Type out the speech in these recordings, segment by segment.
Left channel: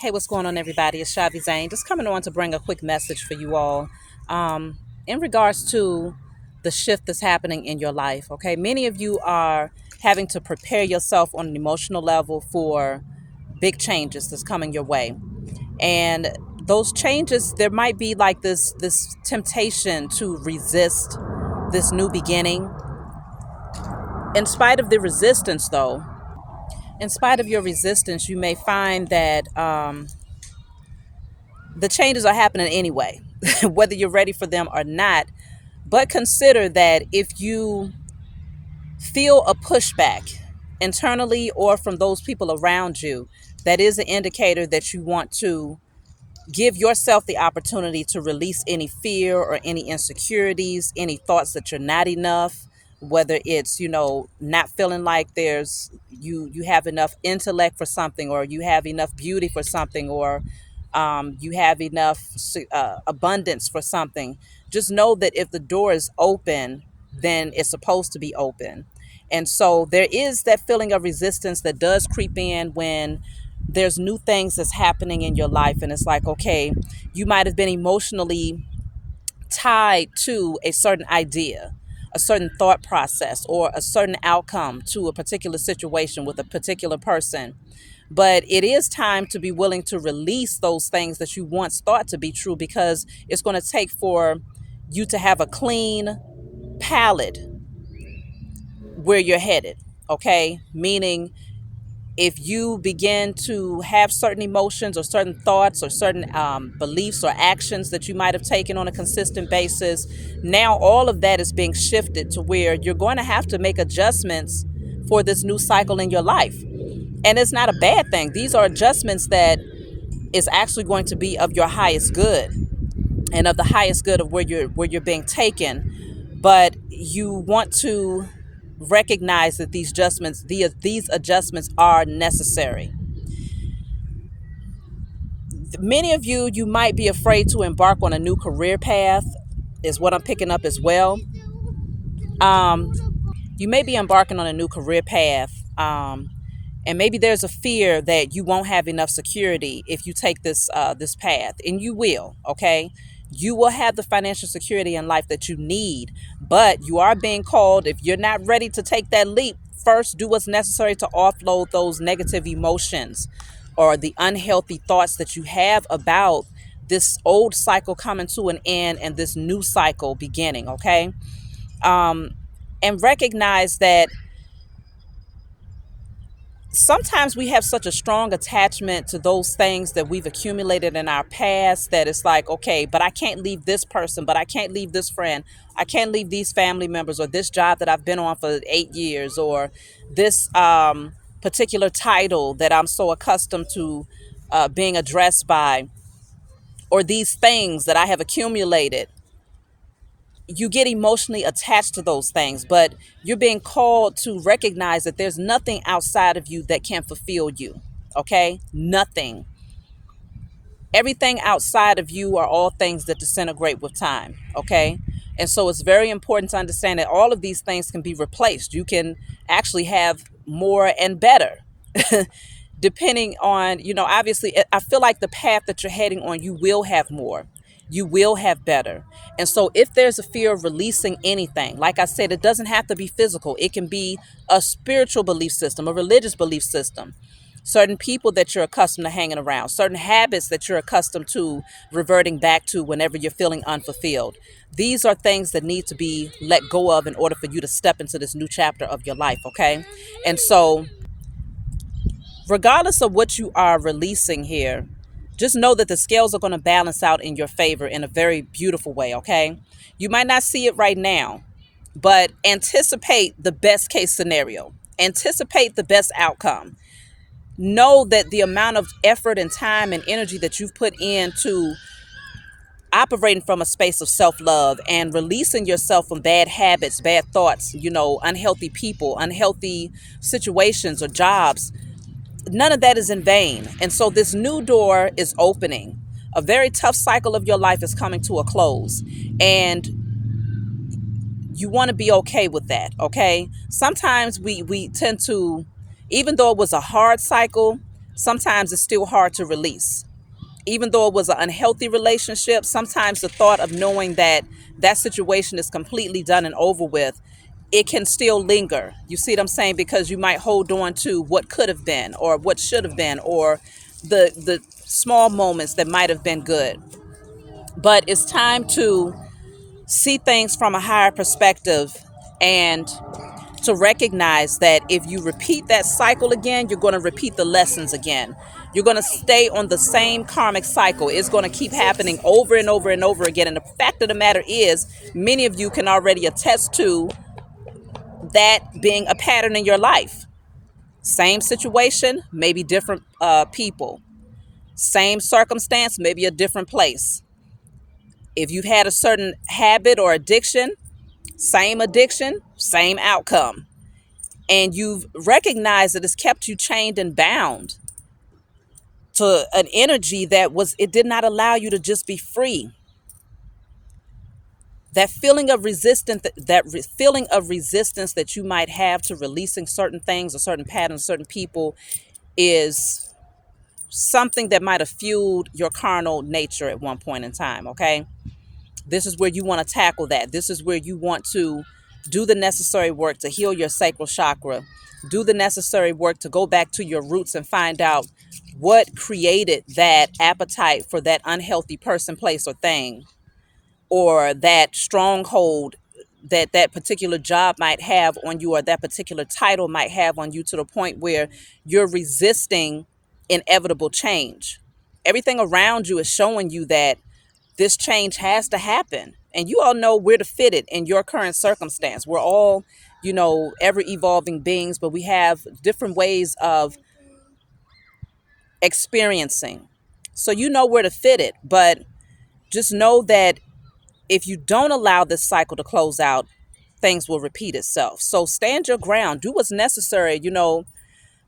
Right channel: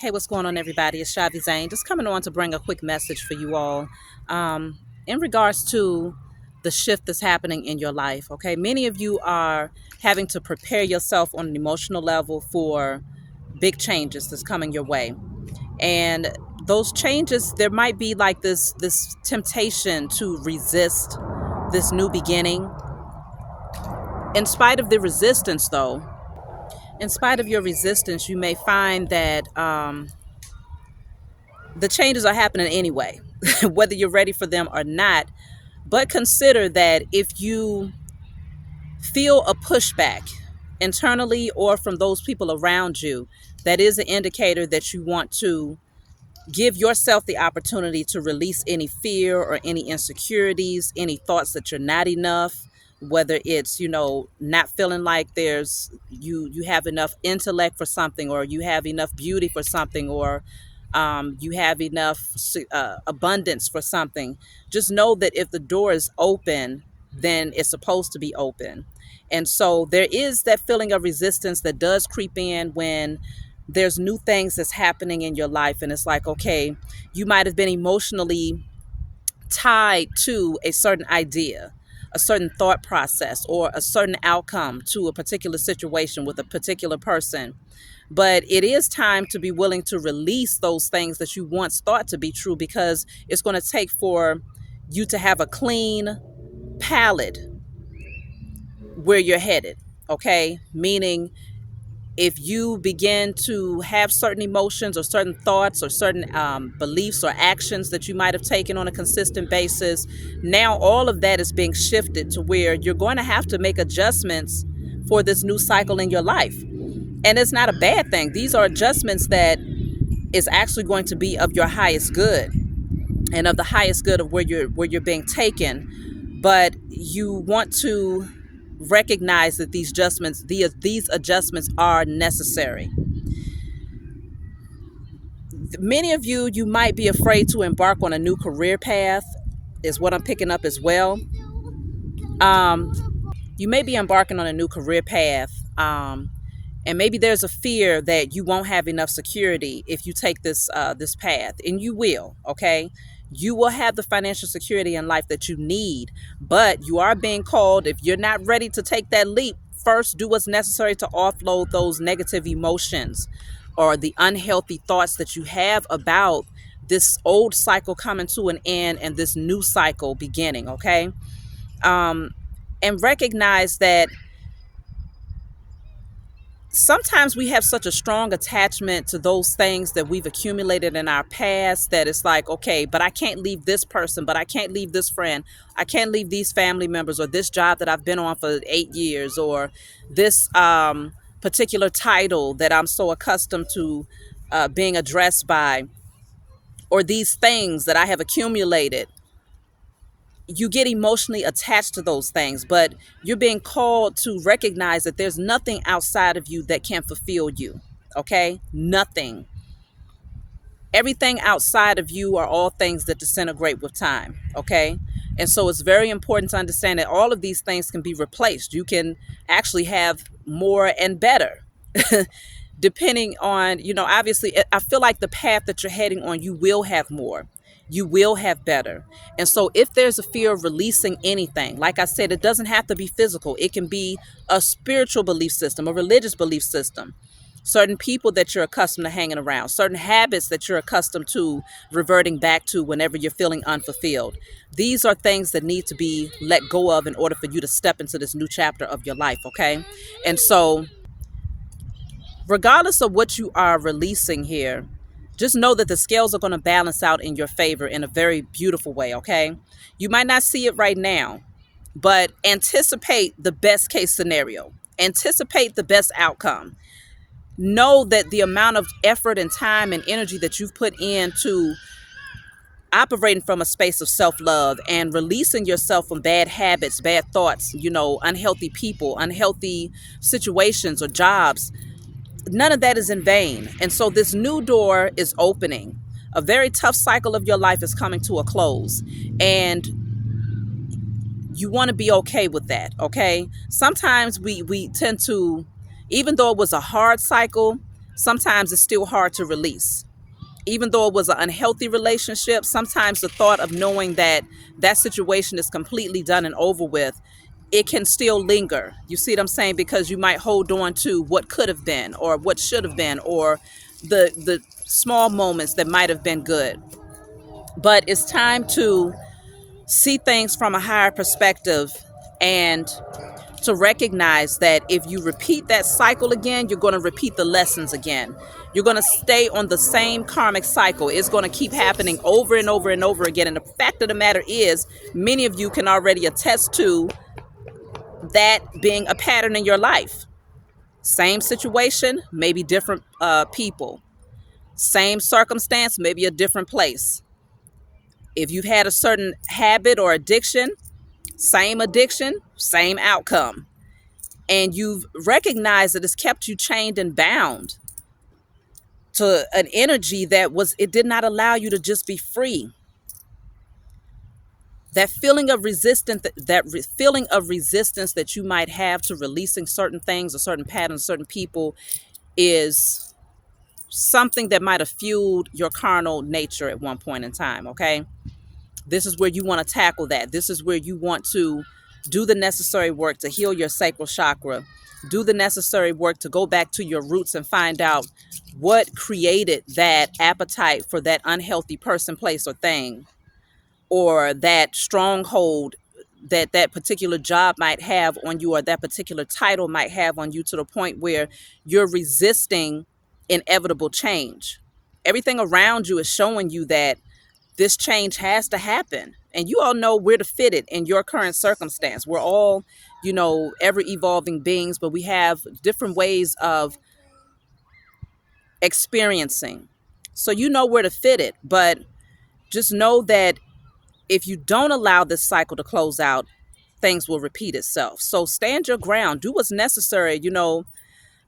Hey, what's going on, everybody? It's Shavi Zane. Just coming on to bring a quick message for you all in regards to the shift that's happening in your life. Okay, many of you are having to prepare yourself on an emotional level for big changes that's coming your way, and those changes, there might be like this temptation to resist this new beginning. In spite of the resistance, though, in spite of your resistance, you may find that the changes are happening anyway, whether you're ready for them or not. But consider that if you feel a pushback internally or from those people around you, that is an indicator that you want to give yourself the opportunity to release any fear or any insecurities, any thoughts that you're not enough, whether it's, not feeling like you have enough intellect for something, or you have enough beauty for something, or you have enough abundance for something. Just know that if the door is open, then it's supposed to be open. And so there is that feeling of resistance that does creep in when there's new things that's happening in your life. And it's like, okay, you might have been emotionally tied to a certain idea, a certain thought process, or a certain outcome to a particular situation with a particular person. But it is time to be willing to release those things that you once thought to be true, because it's going to take for you to have a clean palette where you're headed. Okay, meaning if you begin to have certain emotions or certain thoughts or certain beliefs or actions that you might have taken on a consistent basis, now all of that is being shifted to where you're going to have to make adjustments for this new cycle in your life. And it's not a bad thing. These are adjustments that is actually going to be of your highest good, and of the highest good of where you're being taken. But you want to recognize that these adjustments are necessary. Many of you might be afraid to embark on a new career path, is what I'm picking up as well. um you may be embarking on a new career path, and maybe there's a fear that you won't have enough security if you take this path, and you will. Okay, you will have the financial security in life that you need, but you are being called, if you're not ready to take that leap, first do what's necessary to offload those negative emotions or the unhealthy thoughts that you have about this old cycle coming to an end and this new cycle beginning. Okay, um and recognize that sometimes we have such a strong attachment to those things that we've accumulated in our past, that it's like, okay, but I can't leave this person, but I can't leave this friend, I can't leave these family members, or this job that I've been on for 8 years, or this particular title that I'm so accustomed to being addressed by, or these things that I have accumulated. You get emotionally attached to those things, but you're being called to recognize that there's nothing outside of you that can fulfill you. Okay, nothing. Everything outside of you are all things that disintegrate with time. Okay, and so it's very important to understand that all of these things can be replaced. You can actually have more and better depending on, obviously, I feel like the path that you're heading on, you will have more, you will have better. And so if there's a fear of releasing anything, like I said, it doesn't have to be physical. It can be a spiritual belief system, a religious belief system, certain people that you're accustomed to hanging around, certain habits that you're accustomed to reverting back to whenever you're feeling unfulfilled. These are things that need to be let go of in order for you to step into this new chapter of your life. Okay, and so regardless of what you are releasing here, just know that the scales are going to balance out in your favor in a very beautiful way. Okay, you might not see it right now, but anticipate the best case scenario, anticipate the best outcome. Know that the amount of effort and time and energy that you've put into operating from a space of self-love and releasing yourself from bad habits, bad thoughts, unhealthy people, unhealthy situations or jobs, none of that is in vain. And so this new door is opening. A very tough cycle of your life is coming to a close. And you want to be okay with that. Okay, sometimes we tend to, even though it was a hard cycle, sometimes it's still hard to release. Even though it was an unhealthy relationship, sometimes the thought of knowing that that situation is completely done and over with, it can still linger. You see what I'm saying? Because you might hold on to what could have been or what should have been, or the small moments that might have been good. But it's time to see things from a higher perspective and to recognize that if you repeat that cycle again, you're going to repeat the lessons again. You're going to stay on the same karmic cycle. It's going to keep happening over and over and over again. And the fact of the matter is, many of you can already attest to that being a pattern in your life. Same situation, maybe different people. Same circumstance, maybe a different place. If you've had a certain habit or addiction, same outcome. And you've recognized that it's kept you chained and bound to an energy it did not allow you to just be free. That feeling of resistance, feeling of resistance that you might have to releasing certain things or certain patterns, certain people, is something that might have fueled your carnal nature at one point in time. Okay, this is where you want to tackle that. This is where you want to do the necessary work to heal your sacral chakra. Do the necessary work to go back to your roots and find out what created that appetite for that unhealthy person, place, or thing, or that stronghold that that particular job might have on you, or that particular title might have on you, to the point where you're resisting inevitable change. Everything around you is showing you that this change has to happen. And you all know where to fit it in your current circumstance. We're all, ever evolving beings, but we have different ways of experiencing. So you know where to fit it, but just know that if you don't allow this cycle to close out, things will repeat itself. So stand your ground, do what's necessary.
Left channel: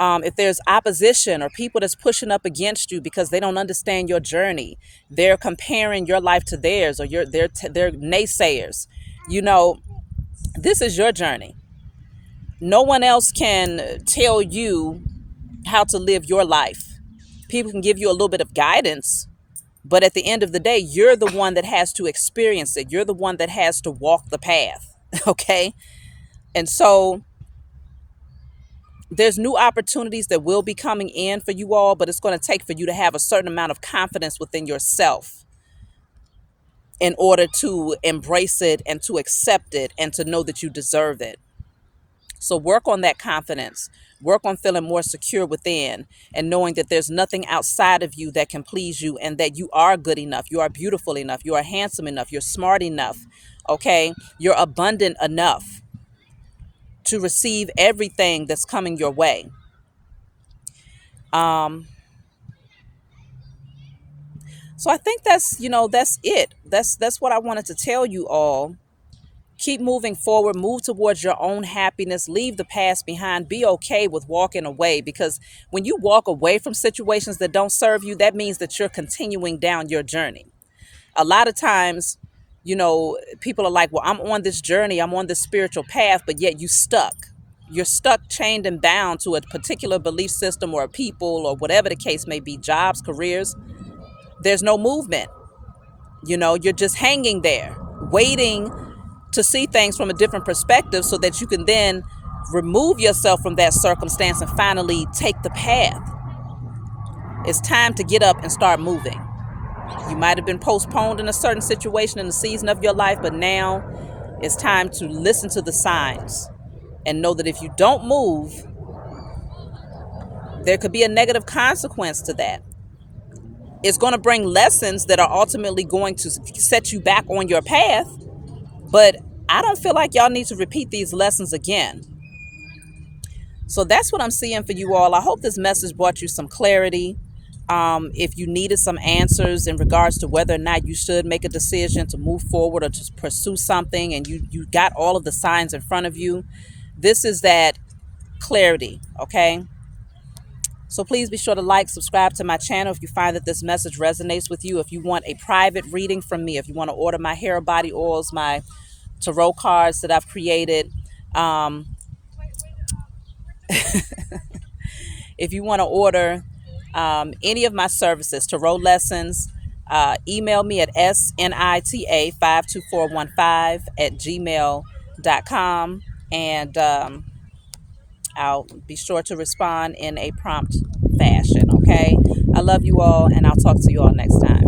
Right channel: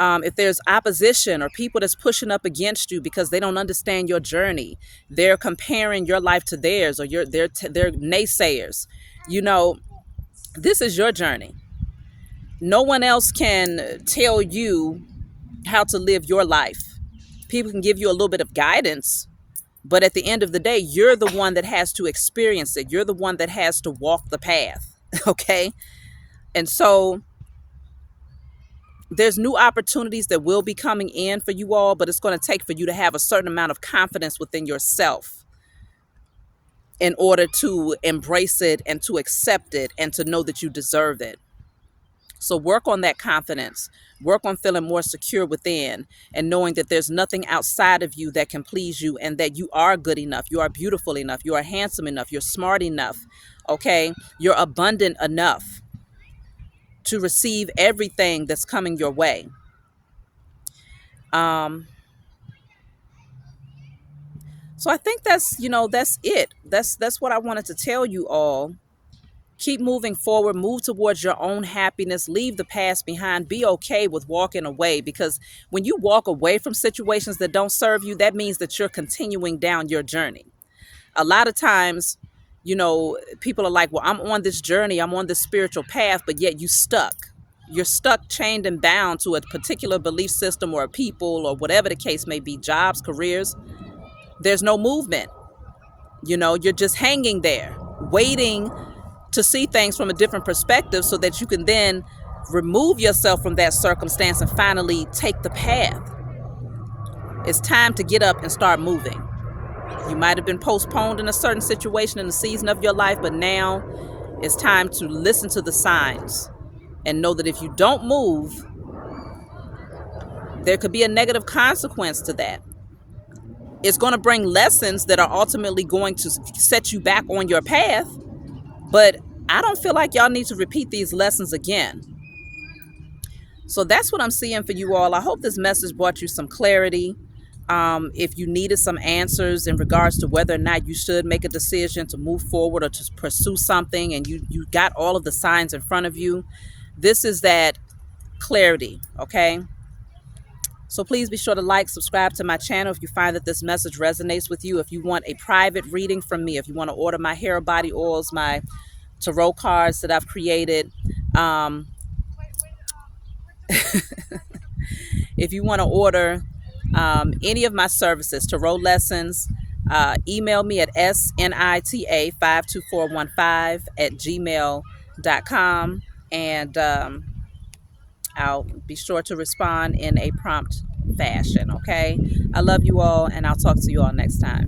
If there's opposition or people that's pushing up against you because they don't understand your journey, they're comparing your life to theirs, or they're naysayers. This is your journey. No one else can tell you how to live your life. People can give you a little bit of guidance, but at the end of the day, you're the one that has to experience it. You're the one that has to walk the path. Okay? And so there's new opportunities that will be coming in for you all, but it's going to take for you to have a certain amount of confidence within yourself in order to embrace it and to accept it and to know that you deserve it. So work on that confidence. Work on feeling more secure within and knowing that there's nothing outside of you that can please you, and that you are good enough. You are beautiful enough. You are handsome enough. You're smart enough. Okay? You're abundant enough to receive everything that's coming your way. So I think that's it. That's what I wanted to tell you all. Keep moving forward, move towards your own happiness, leave the past behind, be okay with walking away, because when you walk away from situations that don't serve you, that means that you're continuing down your journey. A lot of times, people are like, well, I'm on this journey, I'm on this spiritual path, but yet you're stuck, chained and bound to a particular belief system or a people or whatever the case may be, jobs, careers. There's no movement. You're just hanging there, waiting to see things from a different perspective so that you can then remove yourself from that circumstance and finally take the path. It's time to get up and start moving. You might have been postponed in a certain situation in a season of your life, but now it's time to listen to the signs and know that if you don't move, there could be a negative consequence to that. It's going to bring lessons that are ultimately going to set you back on your path, but I don't feel like y'all need to repeat these lessons again. So that's what I'm seeing for you all. I hope this message brought you some clarity. If you needed some answers in regards to whether or not you should make a decision to move forward or to pursue something, and you got all of the signs in front of you, this is that clarity, okay? So please be sure to like, subscribe to my channel if you find that this message resonates with you. If you want a private reading from me, if you want to order my hair body oils, my tarot cards that I've created, if you want to order any of my services, tarot lessons, email me at snita52415 at gmail.com, and I'll be sure to respond in a prompt fashion. Okay. I love you all, and I'll talk to you all next time.